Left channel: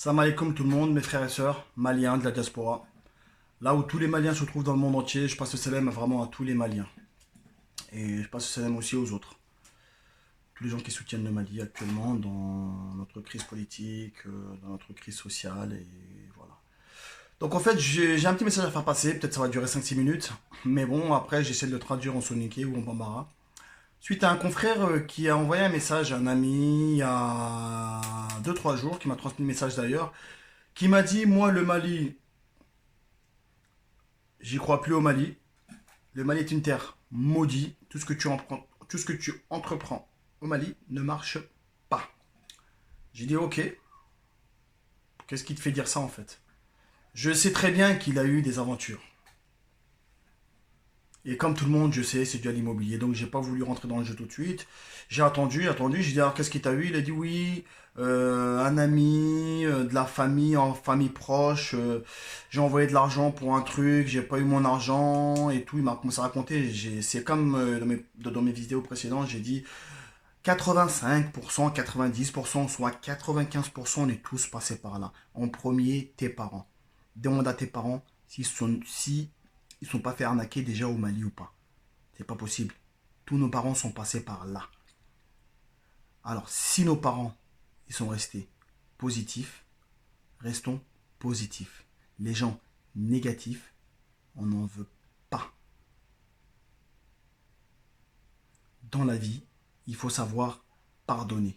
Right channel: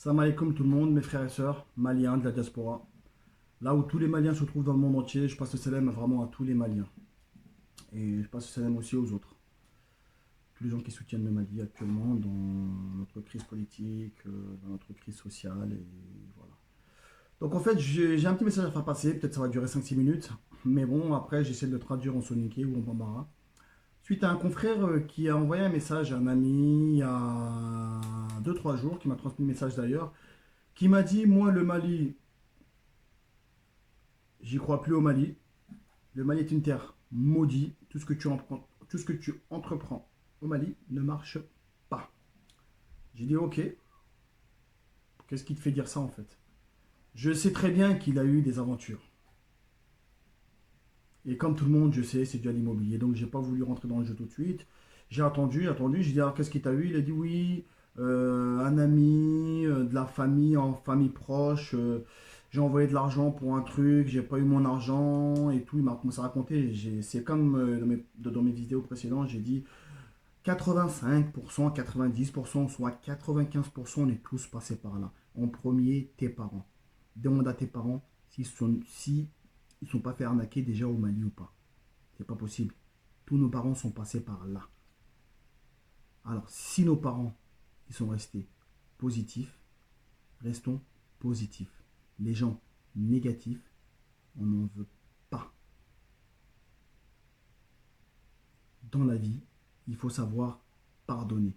Salam alaikum tout le monde, mes frères et sœurs, maliens de la diaspora. Là où tous les Maliens se trouvent dans le monde entier, je passe le salam vraiment à tous les Maliens. Et je passe le salam aussi aux autres. Tous les gens qui soutiennent le Mali actuellement dans notre crise politique, dans notre crise sociale, et voilà. Donc en fait, j'ai un petit message à faire passer, peut-être ça va durer 5-6 minutes. Mais bon, après j'essaie de le traduire en soniké ou en bambara. Suite à un confrère qui a envoyé un message à un ami il y a 2-3 jours, qui m'a transmis le message d'ailleurs, qui m'a dit, moi le Mali, j'y crois plus au Mali. Le Mali est une terre maudite. Tout ce que tu entreprends au Mali ne marche pas. J'ai dit ok. Qu'est-ce qui te fait dire ça en fait? Je sais très bien qu'il a eu des aventures. Et comme tout le monde, je sais, c'est dû à l'immobilier. Donc j'ai pas voulu rentrer dans le jeu tout de suite. J'ai attendu. J'ai dit alors qu'est-ce qui t'a eu? Il a dit oui, un ami, de la famille, en famille proche. J'ai envoyé de l'argent pour un truc, j'ai pas eu mon argent et tout. Il m'a commencé à raconter. C'est comme dans mes vidéos précédentes, j'ai dit 85%, 90%, soit 95%, on est tous passés par là. En premier, tes parents. Demande à tes parents si ils sont pas fait arnaquer déjà au Mali ou pas. C'est pas possible. Tous nos parents sont passés par là. Alors, si nos parents ils sont restés positifs, restons positifs. Les gens négatifs, on n'en veut pas. Dans la vie, il faut savoir pardonner.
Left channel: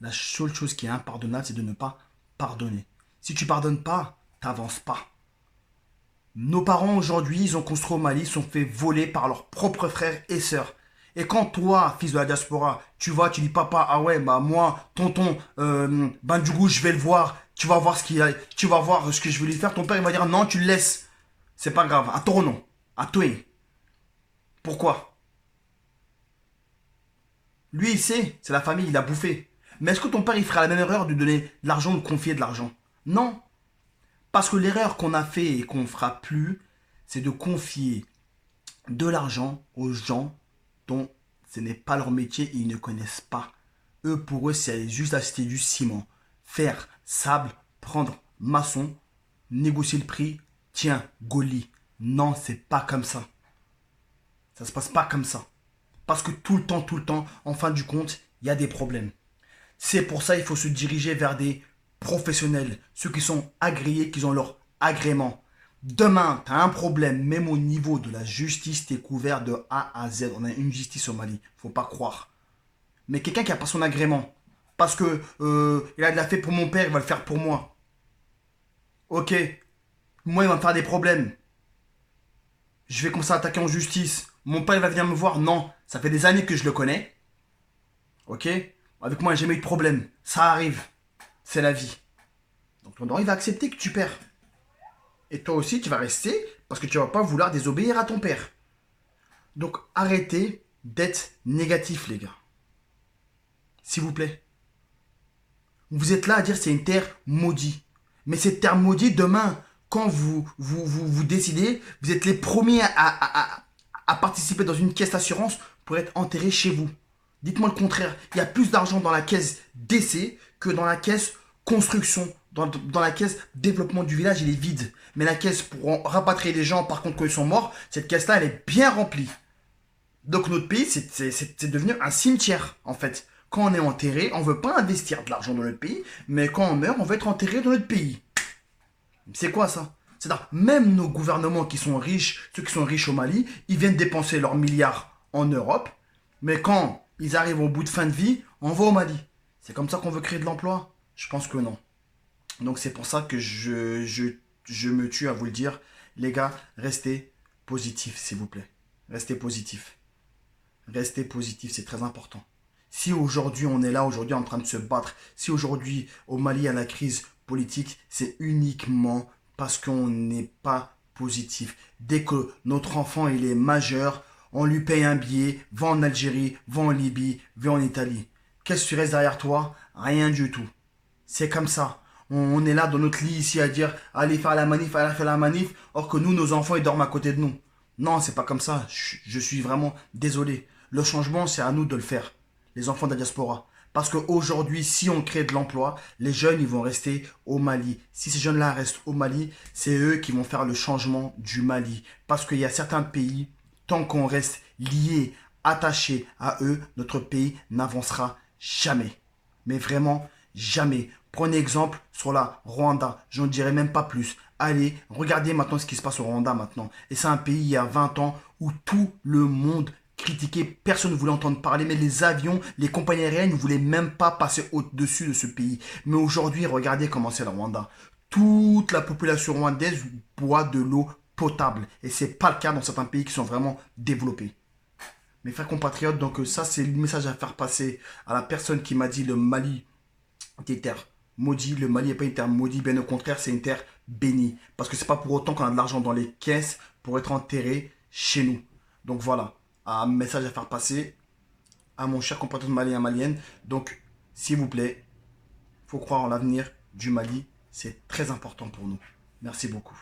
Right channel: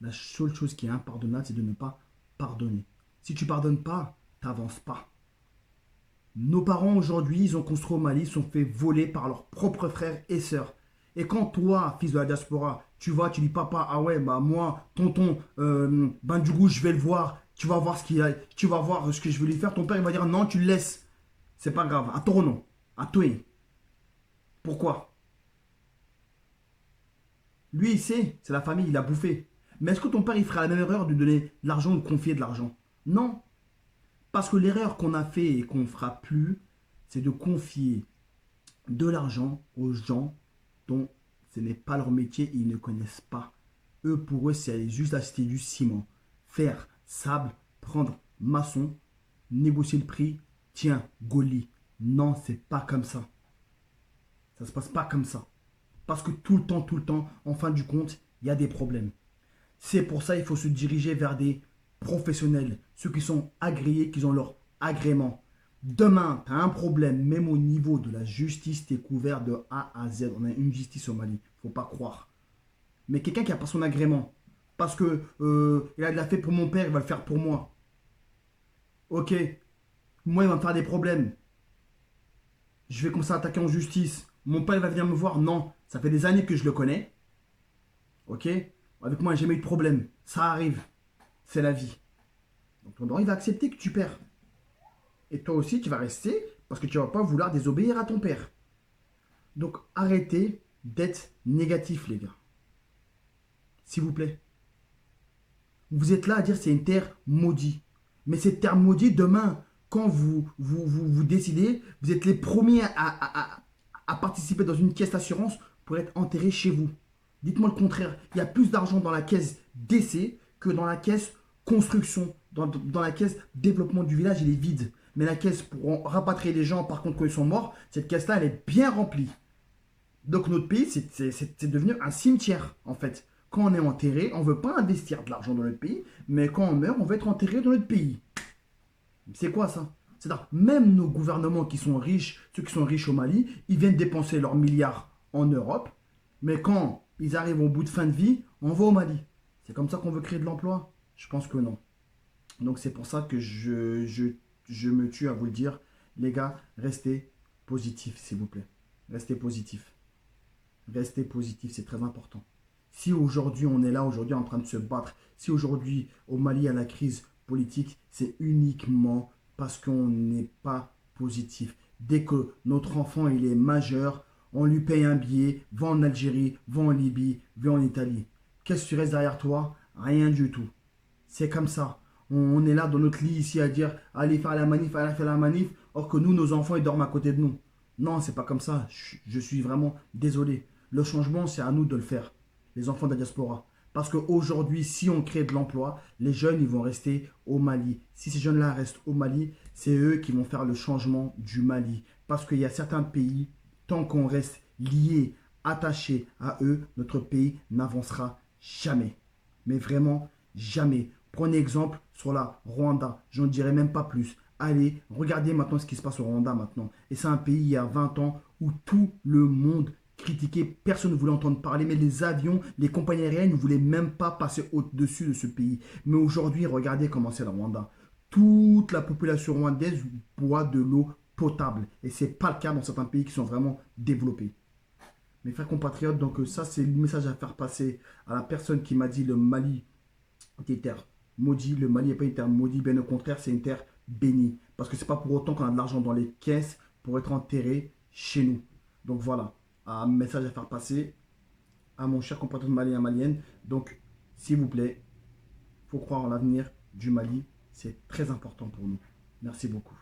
La seule chose qui est impardonnable, c'est de ne pas pardonner. Si tu pardonnes pas, t'avances pas. Nos parents aujourd'hui, ils ont construit au Mali, ils sont fait voler par leurs propres frères et sœurs. Et quand toi, fils de la diaspora, tu vas, tu dis papa, ah ouais, bah moi, tonton, ben du coup, je vais le voir, tu vas voir ce que je vais lui faire. Ton père, il va dire non, tu le laisses. C'est pas grave, à ton nom, à toi. Pourquoi? Lui, il sait, c'est la famille, il a bouffé. Mais est-ce que ton père, il ferait la même erreur de donner de l'argent ou de confier de l'argent? Non. Parce que l'erreur qu'on a fait et qu'on ne fera plus, c'est de confier de l'argent aux gens dont ce n'est pas leur métier et ils ne connaissent pas. Eux, pour eux, c'est juste acheter du ciment, faire sable, prendre maçon, négocier le prix, tiens, Goli. Non, c'est pas comme ça. Ça se passe pas comme ça. Parce que tout le temps, en fin du compte, il y a des problèmes. C'est pour ça qu'il faut se diriger vers des professionnels, ceux qui sont agréés, qui ont leur agrément. Demain, tu as un problème, même au niveau de la justice, tu es couvert de A à Z. On a une justice au Mali, faut pas croire. Mais quelqu'un qui n'a pas son agrément, parce que il a de la fait pour mon père, il va le faire pour moi. Ok, moi il va me faire des problèmes. Je vais commencer à attaquer en justice. Mon père il va venir me voir. Non, ça fait des années que je le connais. Ok, avec moi j'ai jamais eu de problème. Ça arrive, c'est la vie. Donc ton il va accepter que tu perds. Et toi aussi, tu vas rester parce que tu vas pas vouloir désobéir à ton père. Donc arrêtez d'être négatif, les gars. S'il vous plaît. Vous êtes là à dire c'est une terre maudite. Mais cette terre maudite, demain, quand vous décidez, vous êtes les premiers à participer dans une caisse d'assurance pour être enterré chez vous. Dites-moi le contraire. Il y a plus d'argent dans la caisse décès que dans la caisse construction. Dans la caisse développement du village, il est vide. Mais la caisse pour rapatrier les gens, par contre, quand ils sont morts, cette caisse-là, elle est bien remplie. Donc notre pays, c'est devenu un cimetière, en fait. Quand on est enterré, on ne veut pas investir de l'argent dans notre pays, mais quand on meurt, on veut être enterré dans notre pays. C'est quoi ça? C'est-à-dire, même nos gouvernements qui sont riches, ceux qui sont riches au Mali, ils viennent dépenser leurs milliards en Europe, mais quand ils arrivent au bout de fin de vie, on va au Mali. C'est comme ça qu'on veut créer de l'emploi? Je pense que non. Donc c'est pour ça que je me tue à vous le dire. Les gars, restez positifs, s'il vous plaît. Restez positifs. Restez positifs, c'est très important. Si aujourd'hui on est là, aujourd'hui en train de se battre, si aujourd'hui au Mali il y a la crise politique, c'est uniquement parce qu'on n'est pas positif. Dès que notre enfant il est majeur, on lui paye un billet, va en Algérie, va en Libye, va en Italie. Qu'est-ce que tu restes derrière toi? Rien du tout. C'est comme ça. On est là dans notre lit ici à dire allez faire la manif, allez faire la manif, or que nous, nos enfants, ils dorment à côté de nous. Non, c'est pas comme ça. Je suis vraiment désolé. Le changement, c'est à nous de le faire, les enfants de la diaspora. Parce qu'aujourd'hui, si on crée de l'emploi, les jeunes, ils vont rester au Mali. Si ces jeunes-là restent au Mali, c'est eux qui vont faire le changement du Mali. Parce qu'il y a certains pays, tant qu'on reste lié, attaché à eux, notre pays n'avancera jamais. Mais vraiment, jamais. Prenez exemple sur la Rwanda. J'en dirai même pas plus. Allez, regardez maintenant ce qui se passe au Rwanda maintenant. Et c'est un pays il y a 20 ans où tout le monde critiquait, personne ne voulait entendre parler, mais les avions, les compagnies aériennes ne voulaient même pas passer au-dessus de ce pays. Mais aujourd'hui, regardez comment c'est le Rwanda. Toute la population rwandaise boit de l'eau potable. Et ce n'est pas le cas dans certains pays qui sont vraiment développés. Mes frères compatriotes, donc ça c'est le message à faire passer à la personne qui m'a dit le Mali des terres maudites. Le Mali n'est pas une terre maudite, bien au contraire, c'est une terre bénie. Parce que c'est pas pour autant qu'on a de l'argent dans les caisses pour être enterré chez nous. Donc voilà, un message à faire passer à mon cher compatriote malien malienne. Donc, s'il vous plaît, il faut croire en l'avenir du Mali. C'est très important pour nous. Merci beaucoup.